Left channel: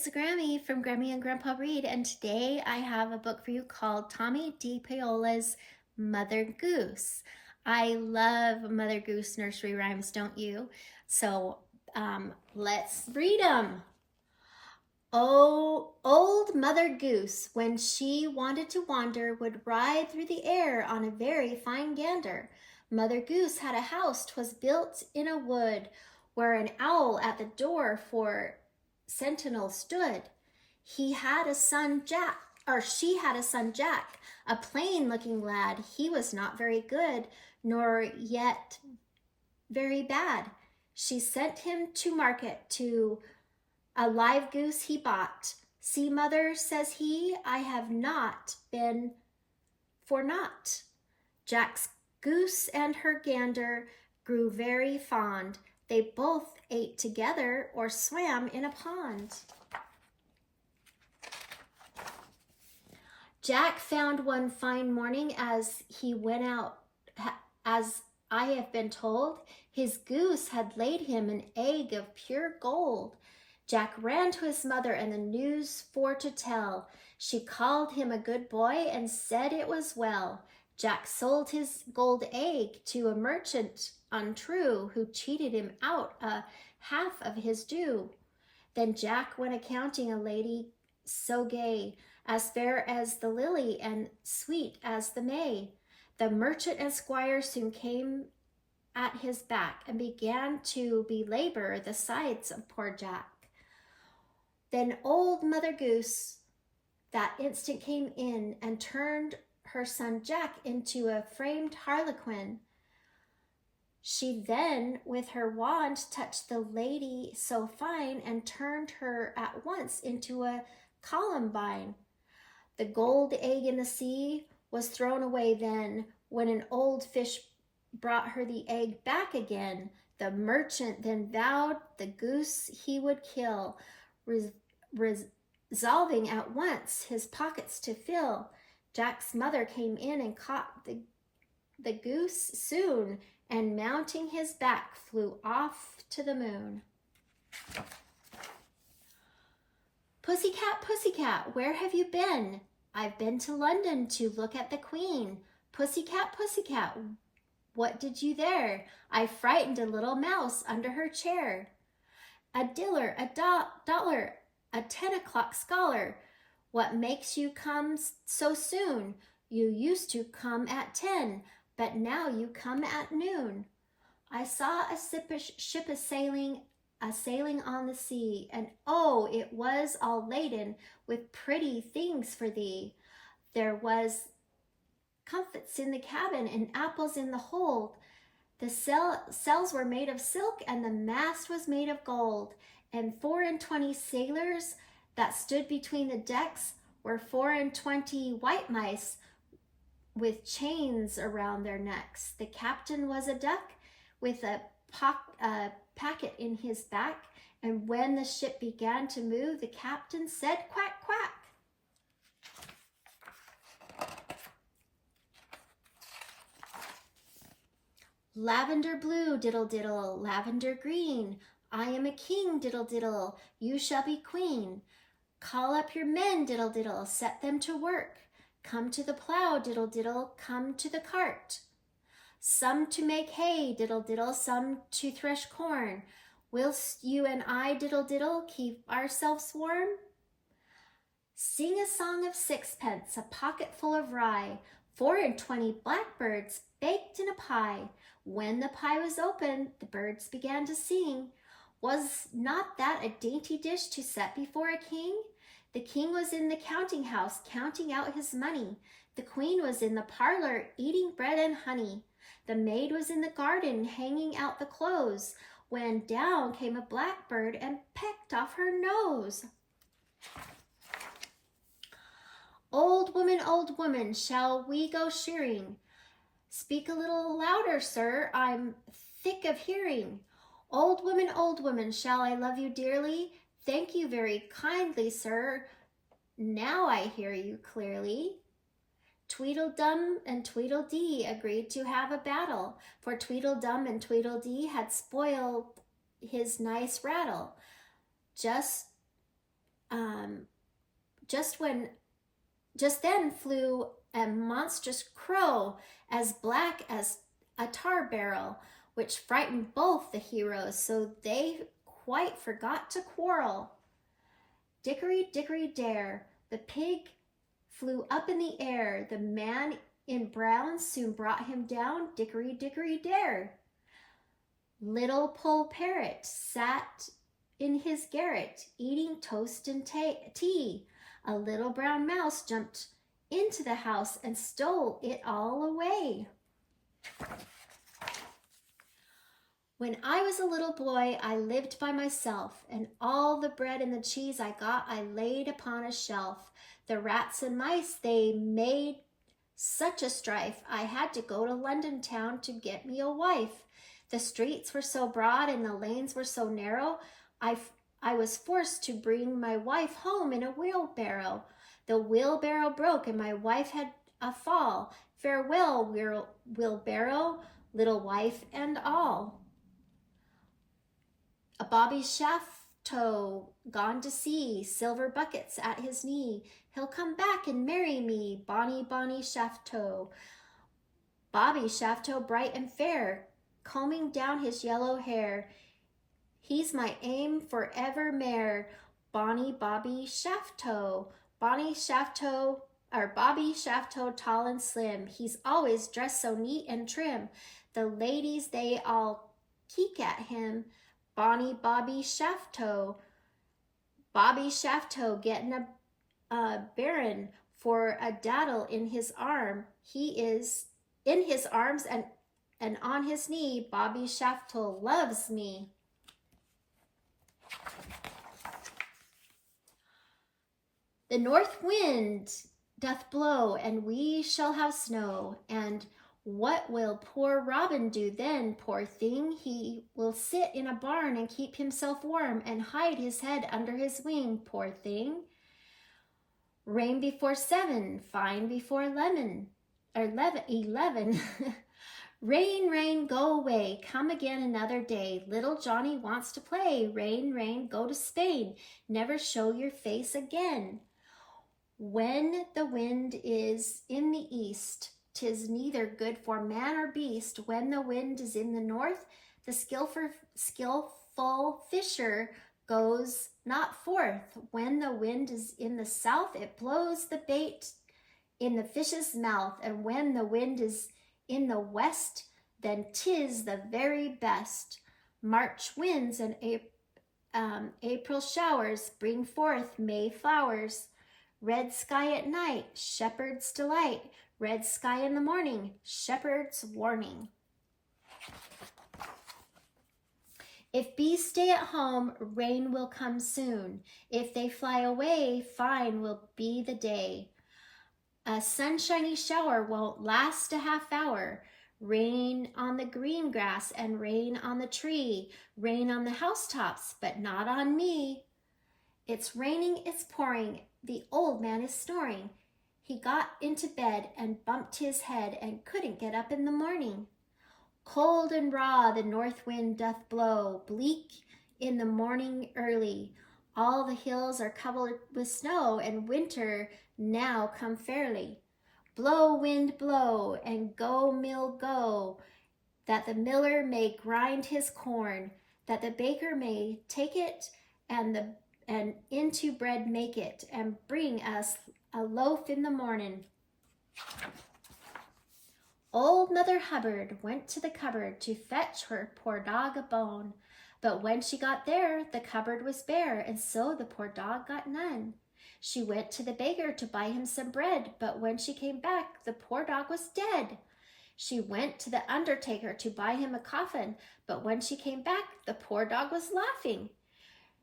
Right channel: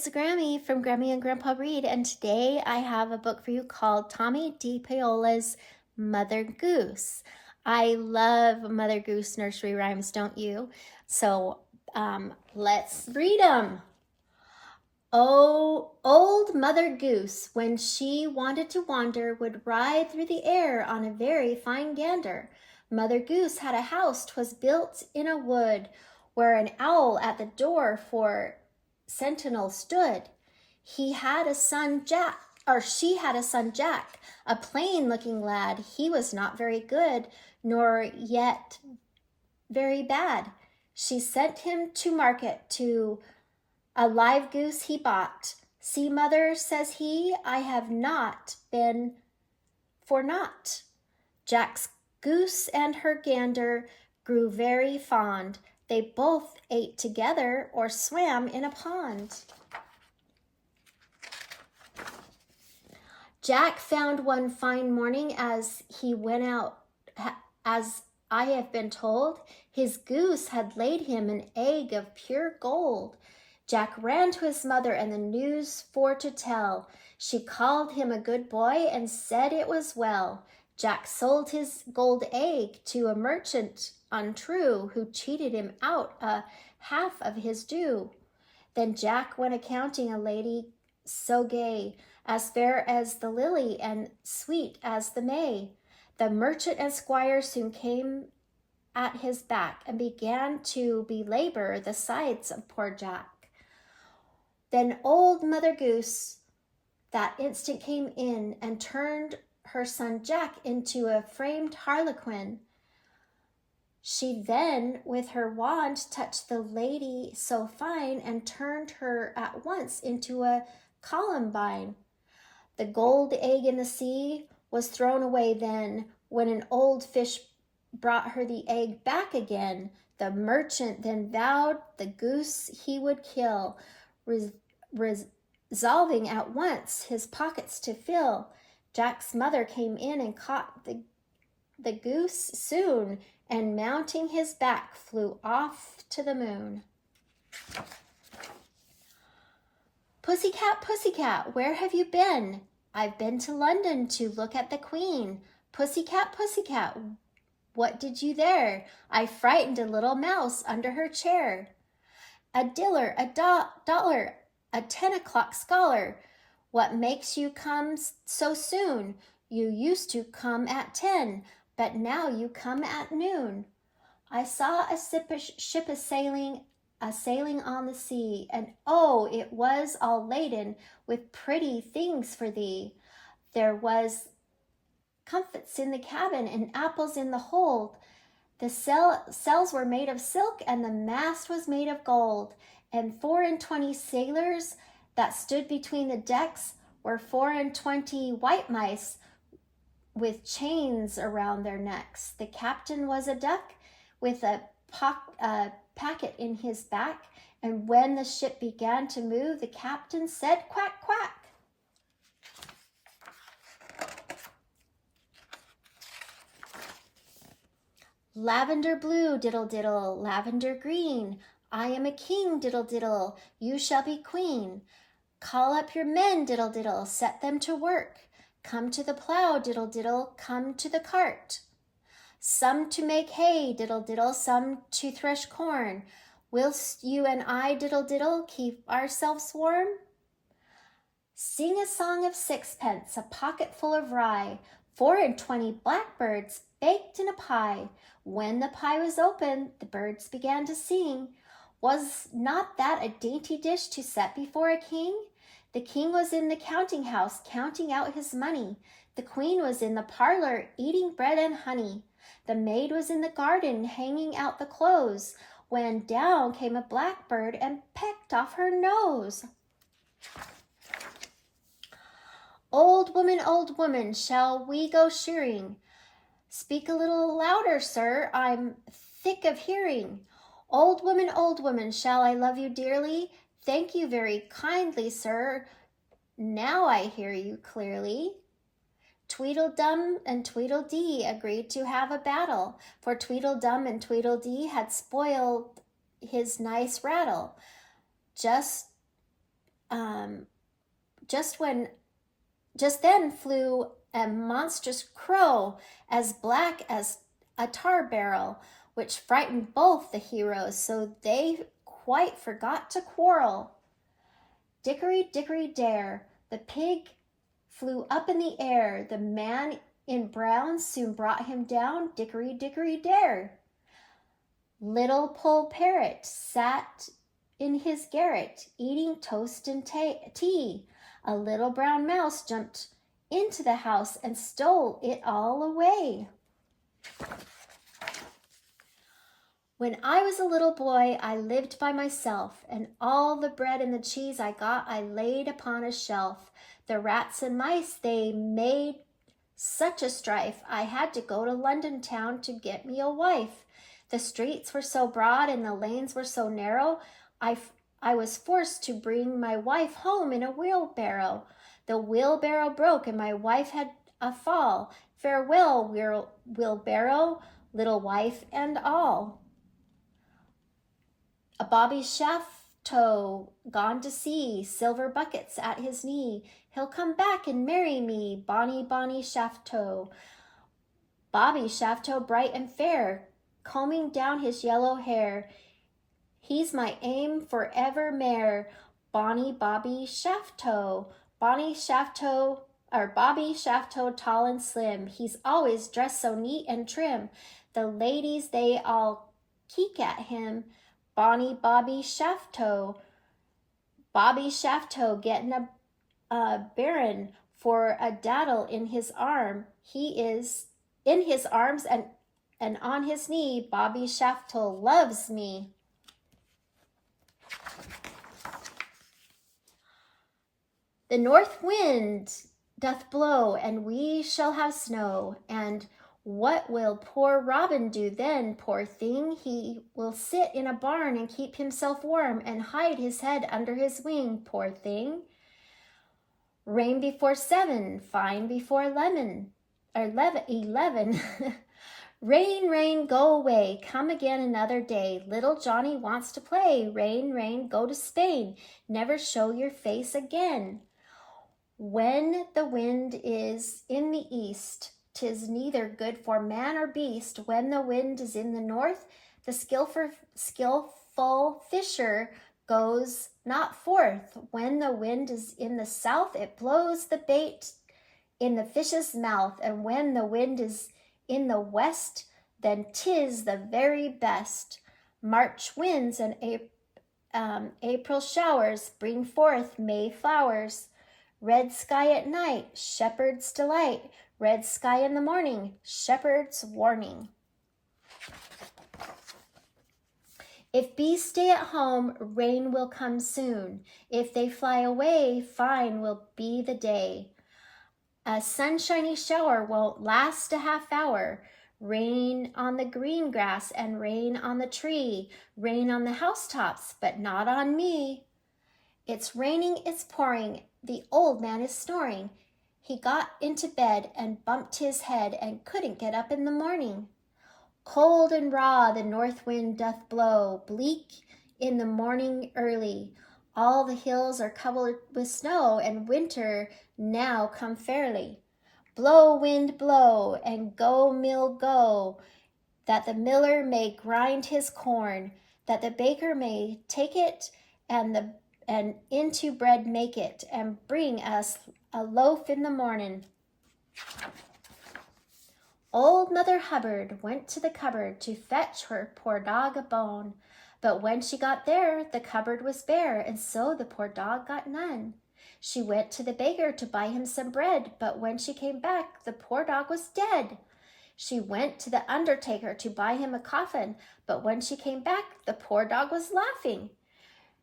it's Grammy from Grammy and Grandpa Read, and today I have a book for you called Tomie dePaola's Mother Goose. I love Mother Goose nursery rhymes, don't you? So let's read them. Oh, old Mother Goose, when she wanted to wander, would ride through the air on a very fine gander. Mother Goose had a house, 'twas built in a wood, where an owl at the door for sentinel stood. He had a son Jack, or she had a son Jack, a plain-looking lad. He was not very good, nor yet very bad. She sent him to market to a live goose he bought. See, mother, says he, I have not been for naught. Jack's goose and her gander grew very fond. They both ate together or swam in a pond. Jack found one fine morning as he went out, as I have been told, his goose had laid him an egg of pure gold. Jack ran to his mother and the news for to tell. She called him a good boy and said it was well. Jack sold his gold egg to a merchant untrue, who cheated him out a half of his due. Then Jack went a-counting a lady so gay, as fair as the lily and sweet as the May. The merchant and squire soon came at his back and began to belabor the sides of poor Jack. Then old Mother Goose that instant came in and turned her son Jack into a framed harlequin. She then with her wand touched the lady so fine and turned her at once into a columbine. The gold egg in the sea was thrown away then, when an old fish brought her the egg back again. The merchant then vowed the goose he would kill, resolving at once his pockets to fill. Jack's mother came in and caught the goose soon, and mounting his back flew off to the moon. Pussycat, pussycat, where have you been? I've been to London to look at the Queen. Pussycat, pussycat, what did you there? I frightened a little mouse under her chair. A diller, a dollar, a 10 o'clock scholar, what makes you come so soon? You used to come at 10, but now you come at noon. I saw a ship a-sailing on the sea, and oh, it was all laden with pretty things for thee. There was comfits in the cabin and apples in the hold. The sails were made of silk, and the mast was made of gold. And 24 sailors that stood between the decks were 24 white mice with chains around their necks. The captain was a duck with a packet in his back, and when the ship began to move, the captain said, quack, quack. Lavender blue, diddle, diddle, lavender green. I am a king, diddle, diddle, you shall be queen. Call up your men, diddle, diddle, set them to work. Come to the plow, diddle, diddle, come to the cart. Some to make hay, diddle, diddle, some to thresh corn. Whilst you and I, diddle, diddle, keep ourselves warm. Sing a song of sixpence, a pocket full of rye, 24 blackbirds baked in a pie. When the pie was opened, the birds began to sing. Was not that a dainty dish to set before a king? The king was in the counting house, counting out his money. The queen was in the parlor, eating bread and honey. The maid was in the garden, hanging out the clothes, when down came a blackbird and pecked off her nose. Old woman, shall we go shearing? Speak a little louder, sir, I'm thick of hearing. Old woman, shall I love you dearly? Thank you very kindly, sir. Now I hear you clearly. Tweedledum and Tweedledee agreed to have a battle, for Tweedledum and Tweedledee had spoiled his nice rattle. Just just then flew a monstrous crow as black as a tar barrel, which frightened both the heroes, so they quite forgot to quarrel. Dickory, dickory, dare, the pig flew up in the air. The man in brown soon brought him down. Dickory, dickory, dare. Little Poll Parrot sat in his garret, eating toast and tea. A little brown mouse jumped into the house and stole it all away. When I was a little boy, I lived by myself, and all the bread and the cheese I got I laid upon a shelf. The rats and mice, they made such a strife, I had to go to London town to get me a wife. The streets were so broad and the lanes were so narrow, I was forced to bring my wife home in a wheelbarrow. The wheelbarrow broke and my wife had a fall. Farewell, wheelbarrow, little wife and all. A Bobby Shafto gone to sea, silver buckets at his knee. He'll come back and marry me, bonny, bonny Shafto. Bobby Shafto bright and fair, combing down his yellow hair. He's my aim for evermore, bonny Bobby Shafto. Bobby Shafto, tall and slim. He's always dressed so neat and trim. The ladies, they all keek at him. Bonny Bobby Shafto. Bobby Shafto getting a baron for a daddle in his arm. He is in his arms and on his knee. Bobby Shafto loves me. The north wind doth blow, and we shall have snow. And what will poor Robin do then, poor thing? He will sit in a barn and keep himself warm and hide his head under his wing, poor thing. Rain before 7, fine before 11. Rain, rain, go away, come again another day. Little Johnny wants to play. Rain, rain, go to Spain, never show your face again. When the wind is in the east, 'tis neither good for man or beast. When the wind is in the north, the skillful fisher goes not forth. When the wind is in the south, it blows the bait in the fish's mouth. And when the wind is in the west, then 'tis the very best. March winds and April showers bring forth May flowers. Red sky at night, shepherd's delight. Red sky in the morning, shepherd's warning. If bees stay at home, rain will come soon. If they fly away, fine will be the day. A sunshiny shower won't last a half hour. Rain on the green grass and rain on the tree. Rain on the housetops, but not on me. It's raining, it's pouring. The old man is snoring. He got into bed and bumped his head and couldn't get up in the morning. Cold and raw the north wind doth blow, bleak in the morning early. All the hills are covered with snow, and winter now come fairly. Blow, wind, blow, and go, mill, go, that the miller may grind his corn, that the baker may take it and into bread make it, and bring us a loaf in the morning. Old Mother Hubbard went to the cupboard to fetch her poor dog a bone. But when she got there, the cupboard was bare, and so the poor dog got none. She went to the baker to buy him some bread, but when she came back, the poor dog was dead. She went to the undertaker to buy him a coffin, but when she came back, the poor dog was laughing.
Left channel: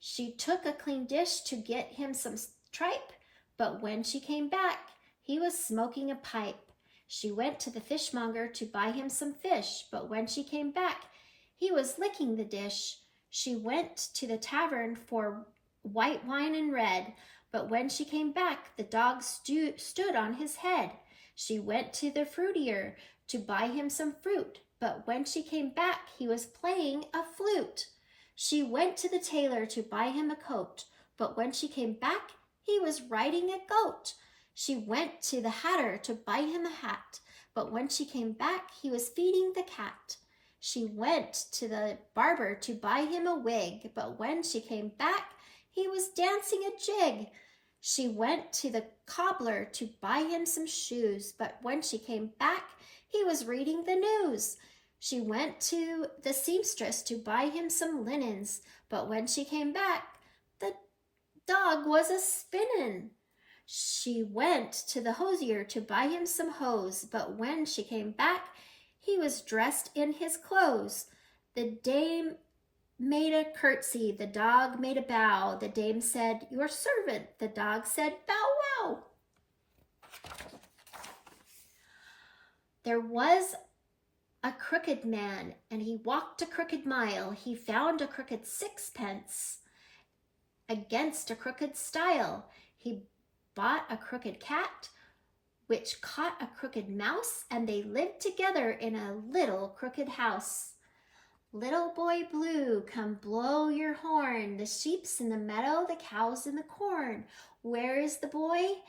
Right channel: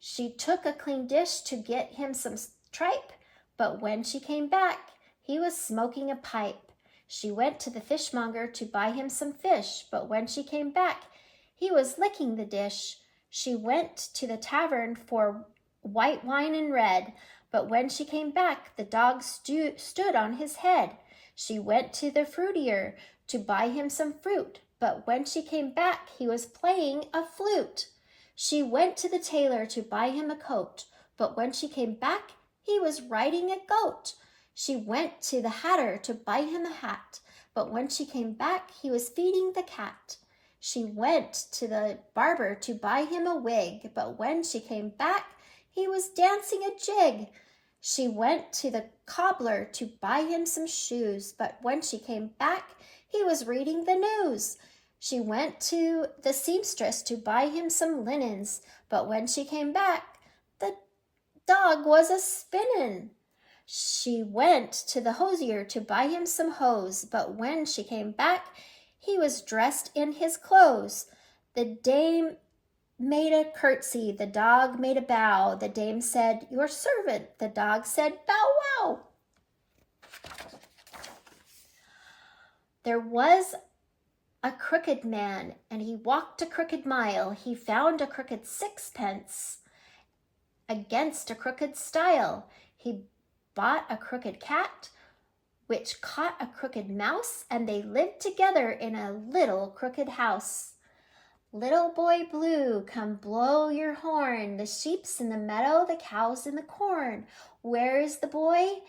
She took a clean dish to get him some tripe, but when she came back, he was smoking a pipe. She went to the fishmonger to buy him some fish, but when she came back, he was licking the dish. She went to the tavern for white wine and red, but when she came back, the dog stood on his head. She went to the fruitier to buy him some fruit, but when she came back, he was playing a flute. She went to the tailor to buy him a coat, but when she came back, he was riding a goat. She went to the hatter to buy him a hat, but when she came back, he was feeding the cat. She went to the barber to buy him a wig, but when she came back, he was dancing a jig. She went to the cobbler to buy him some shoes, but when she came back, he was reading the news. She went to the seamstress to buy him some linens, but when she came back, the dog was a-spinning. She went to the hosier to buy him some hose, but when she came back, he was dressed in his clothes. The dame made a curtsy, the dog made a bow. The dame said, "Your servant." The dog said, "Bow wow." There was a crooked man, and he walked a crooked mile. He found a crooked sixpence against a crooked stile. He bought a crooked cat, which caught a crooked mouse, and they lived together in a little crooked house. Little boy blue, come blow your horn. The sheep's in the meadow, the cow's in the corn. Where is the boy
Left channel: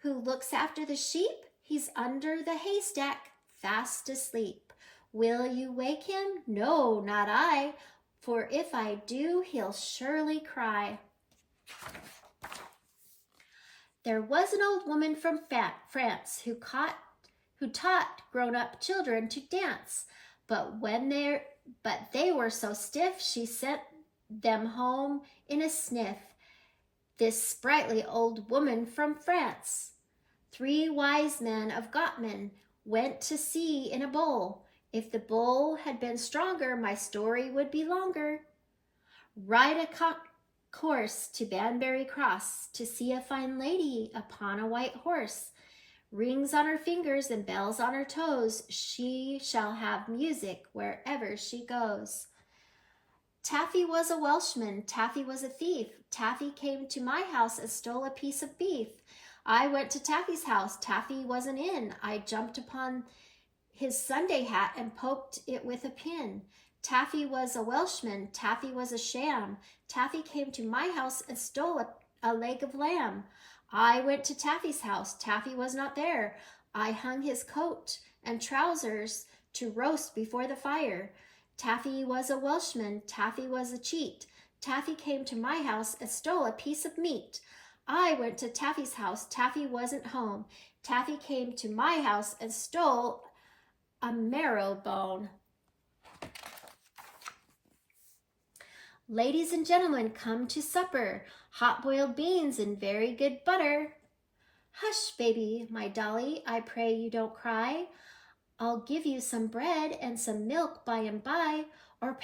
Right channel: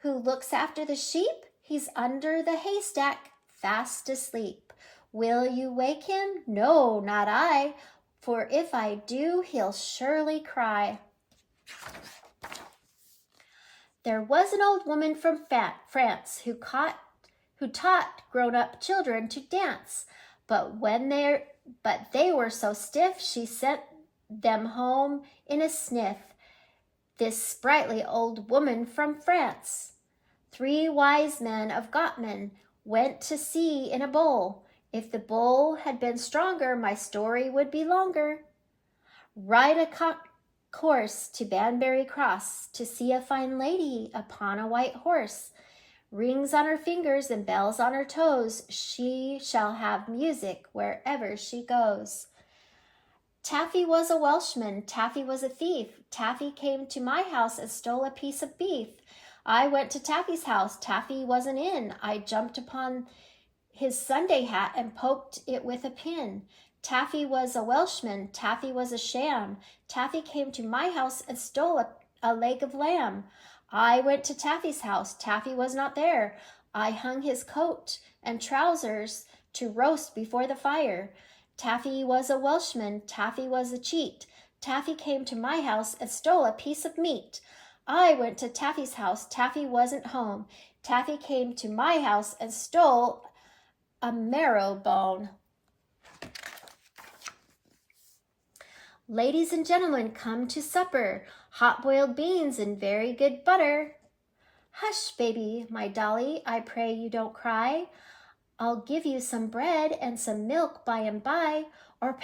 who looks after the sheep? He's under the haystack, fast asleep. Will you wake him? No, not I, for if I do, he'll surely cry. There was an old woman from France who taught grown-up children to dance, but they were so stiff, she sent them home in a sniff. This sprightly old woman from France. 3 wise men of Gottman went to sea in a bowl. If the bowl had been stronger, my story would be longer. Ride a course to Banbury Cross to see a fine lady upon a white horse. Rings on her fingers and bells on her toes. She shall have music wherever she goes. Taffy was a Welshman. Taffy was a thief. Taffy came to my house and stole a piece of beef. I went to Taffy's house. Taffy wasn't in. I jumped upon his Sunday hat and poked it with a pin. Taffy was a Welshman. Taffy was a sham. Taffy came to my house and stole a leg of lamb. I went to Taffy's house. Taffy was not there. I hung his coat and trousers to roast before the fire. Taffy was a Welshman. Taffy was a cheat. Taffy came to my house and stole a piece of meat. I went to Taffy's house. Taffy wasn't home. Taffy came to my house and stole a marrow bone. Ladies and gentlemen, come to supper. Hot-boiled beans and very good butter. Hush, baby, my dolly, I pray you don't cry. I'll give you some bread and some milk by and by, or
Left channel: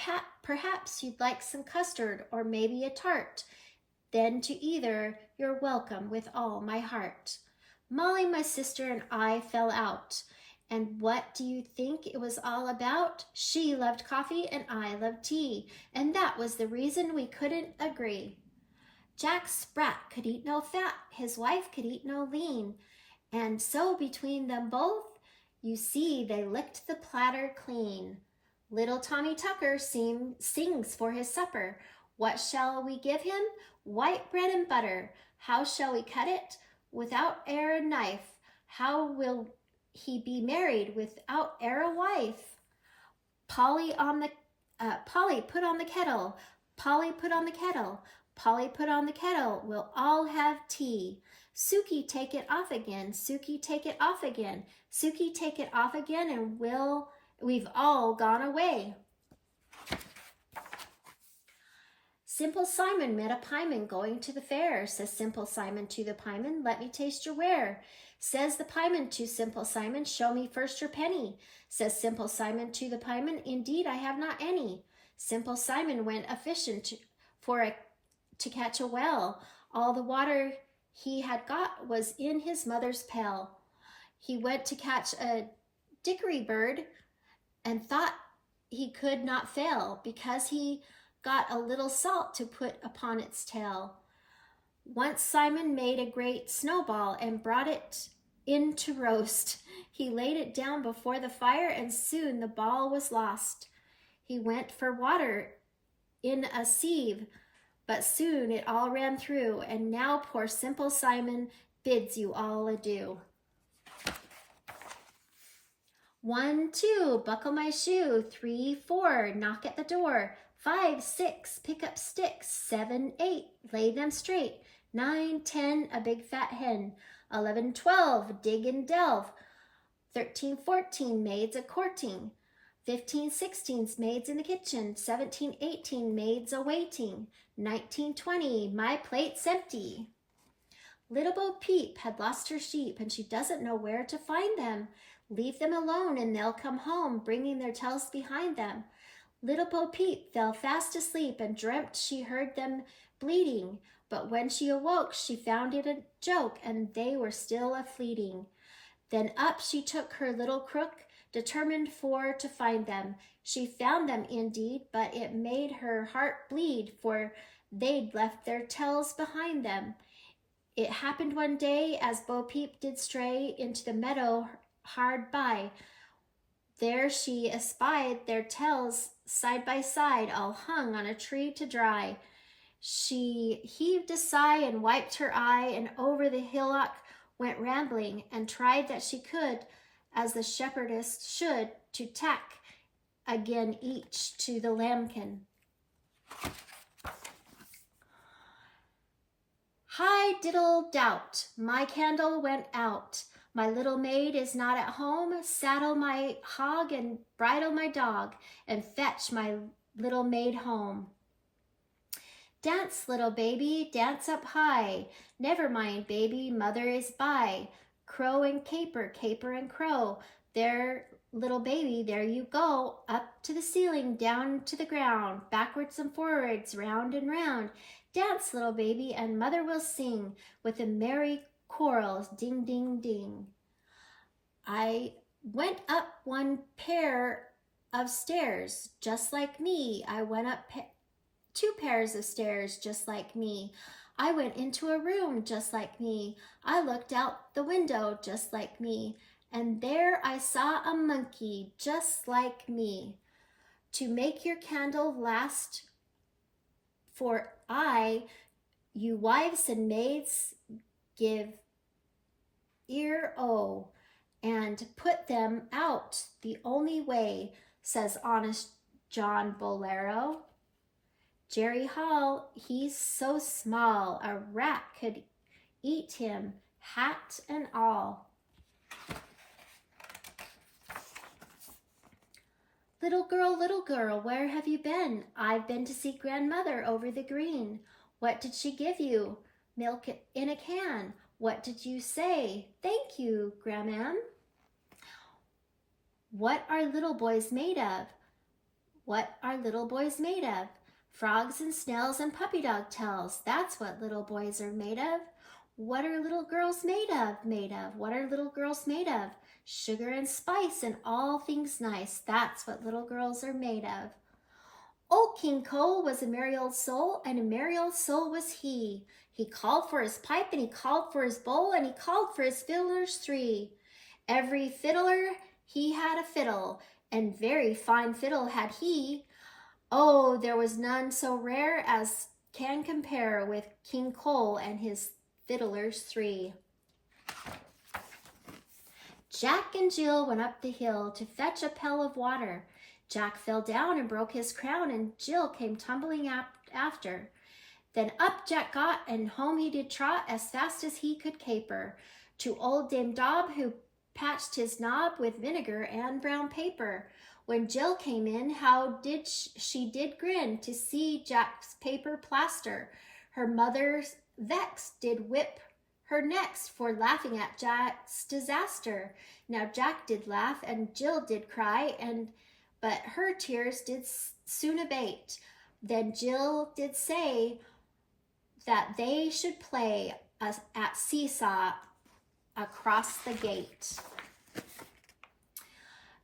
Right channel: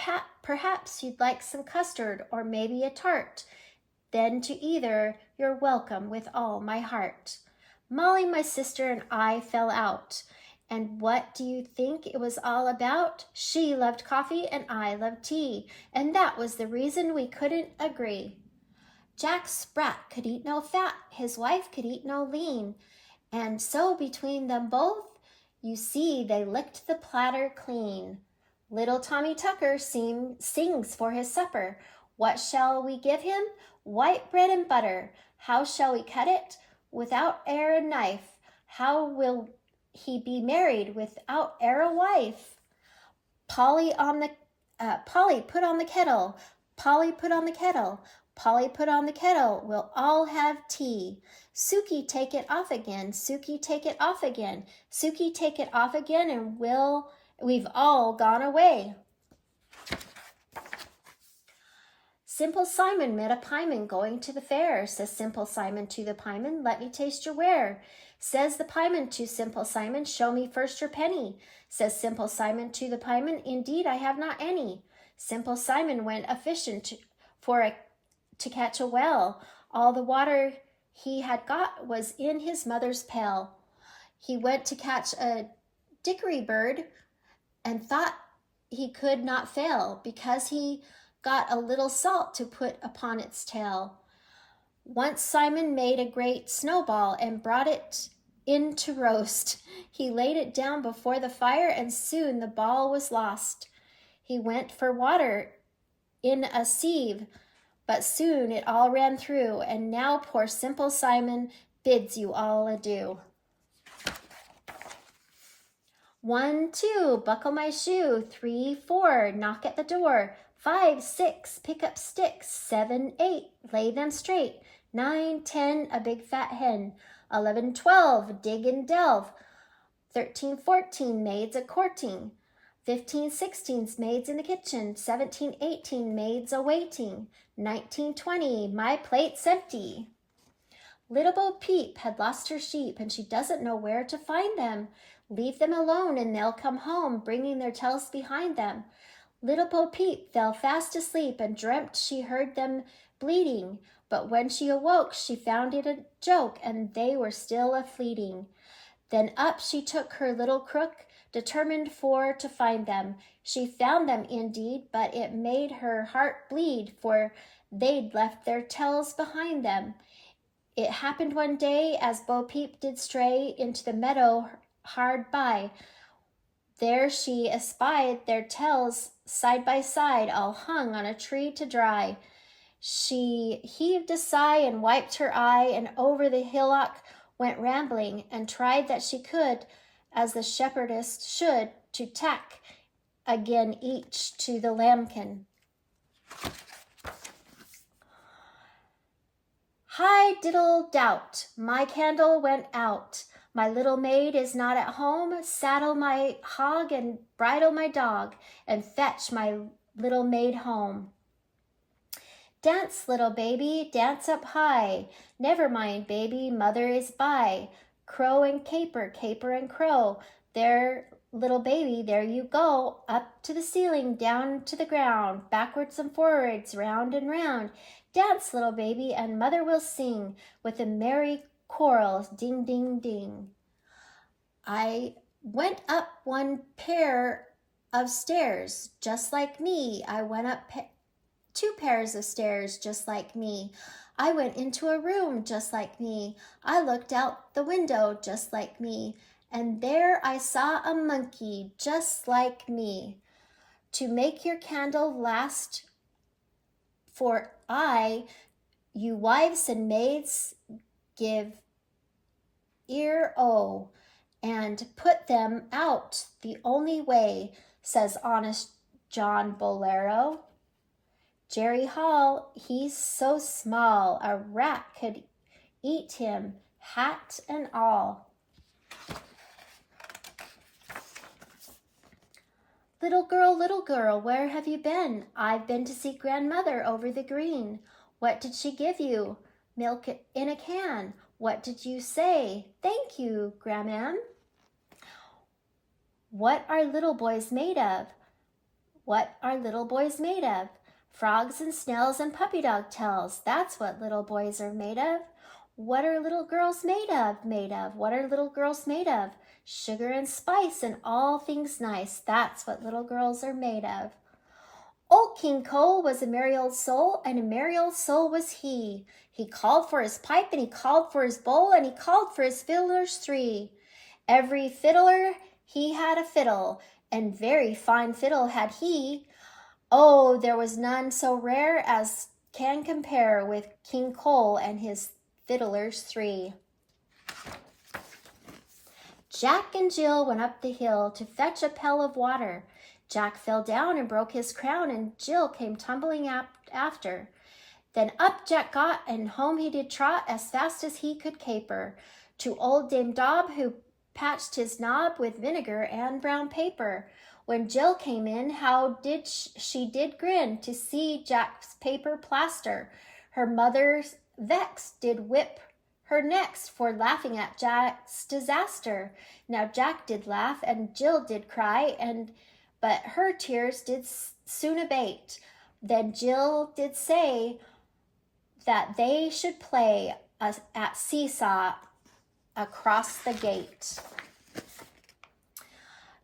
perhaps you'd like some custard or maybe a tart. Then to either you're welcome with all my heart. Molly, my sister, and I fell out. And what do you think it was all about? She loved coffee and I loved tea, and that was the reason we couldn't agree. Jack Sprat could eat no fat, his wife could eat no lean, and so between them both, you see they licked the platter clean. Little Tommy Tucker sings for his supper. What shall we give him? White bread and butter. How shall we cut it? Without e'er a knife. How will he be married without e'er a wife? Polly, put on the kettle. Polly, put on the kettle. Polly, put on the kettle. We'll all have tea. Sukey, take it off again. Sukey, take it off again. Sukey, take it off again, and we've all gone away. Simple Simon met a pieman going to the fair. Says Simple Simon to the pieman, let me taste your ware. Says the pieman to Simple Simon, show me first your penny. Says Simple Simon to the pieman, indeed I have not any. Simple Simon went a-fishing to catch a whale. All the water he had got was in his mother's pail. He went to catch a dickory bird and thought he could not fail, because he got a little salt to put upon its tail. Once Simon made a great snowball and brought it in to roast. He laid it down before the fire, and soon the ball was lost. He went for water in a sieve, But soon it all ran through, and now poor simple Simon bids you all adieu. 1, 2, buckle my shoe. 3, 4, knock at the door. 5, 6, pick up sticks. 7, 8, lay them straight. 9, 10, a big fat hen. 11, 12, dig and delve. 13, 14, maids a courting. 15, 16, maids in the kitchen. 17, 18, maids a waiting. 19, 20, my plate's empty. Little Bo Peep had lost her sheep, and she doesn't know where to find them. Leave them alone, and they'll come home, bringing their tails behind them. Little Bo Peep fell fast asleep, and dreamt she heard them bleating. But when she awoke, she found it a joke, and they were still a-fleeting. Then up she took her little crook, determined for to find them. She found them indeed, but it made her heart bleed, for they'd left their tails behind them. It happened one day, as Bo Peep did stray into the meadow hard by. There she espied their tails side by side, all hung on a tree to dry. She heaved a sigh and wiped her eye, and over the hillock went rambling, and tried that she could, as the shepherdess should, to tack again each to the lambkin. Hi diddle doubt, my candle went out. My little maid is not at home. Saddle my hog and bridle my dog, and fetch my little maid home. Dance, little baby, dance up high. Never mind, baby, mother is by. Crow and caper, caper and crow. There, little baby, there you go. Up to the ceiling, down to the ground. Backwards and forwards, round and round. Dance, little baby, and mother will sing with a merry choral, ding, ding, ding. I went up one pair of stairs, just like me. I went up 2 pairs of stairs, just like me. I went into a room, just like me. I looked out the window, just like me. And there I saw a monkey, just like me. To make your candle last, for you wives and maids, give ear o, and put them out the only way, says honest John Bolero. Jerry Hall, he's so small, a rat could eat him, hat and all. Little girl, where have you been? I've been to see grandmother over the green. What did she give you? Milk in a can. What did you say? Thank you, Grandmam. What are little boys made of? What are little boys made of? Frogs and snails and puppy dog tails. That's what little boys are made of. What are little girls made of? What are little girls made of? Sugar and spice and all things nice. That's what little girls are made of. Old King Cole was a merry old soul, and a merry old soul was he. He called for his pipe, and he called for his bowl, and he called for his fiddlers 3. Every fiddler, he had a fiddle, and very fine fiddle had he. Oh, there was none so rare as can compare with King Cole and his fiddlers 3. Jack and Jill went up the hill to fetch a pail of water. Jack fell down and broke his crown, and Jill came tumbling after. Then up Jack got, and home he did trot as fast as he could caper, to old Dame Dob, who patched his knob with vinegar and brown paper. When Jill came in, how did she did grin to see Jack's paper plaster. Her mother vexed did whip her next for laughing at Jack's disaster. Now Jack did laugh, and Jill did cry, but her tears did soon abate. Then Jill did say that they should play at seesaw across the gate.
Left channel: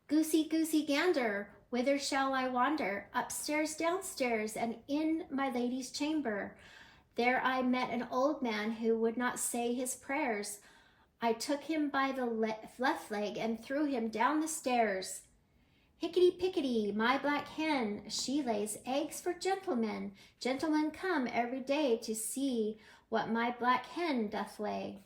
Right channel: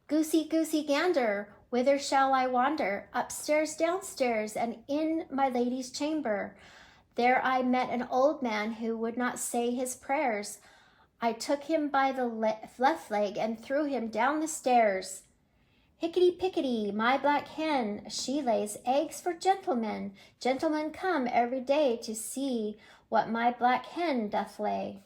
Goosey, goosey, gander, whither shall I wander? Upstairs, downstairs, and in my lady's chamber. There I met an old man who would not say his prayers. I took him by the left leg and threw him down the stairs. Hickety-pickety, my black hen, she lays eggs for gentlemen. Gentlemen come every day to see what my black hen doth lay.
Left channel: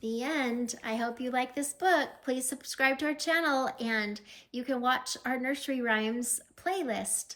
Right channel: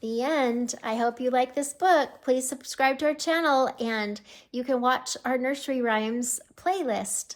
The end. I hope you like this book. Please subscribe to our channel and you can watch our nursery rhymes playlist.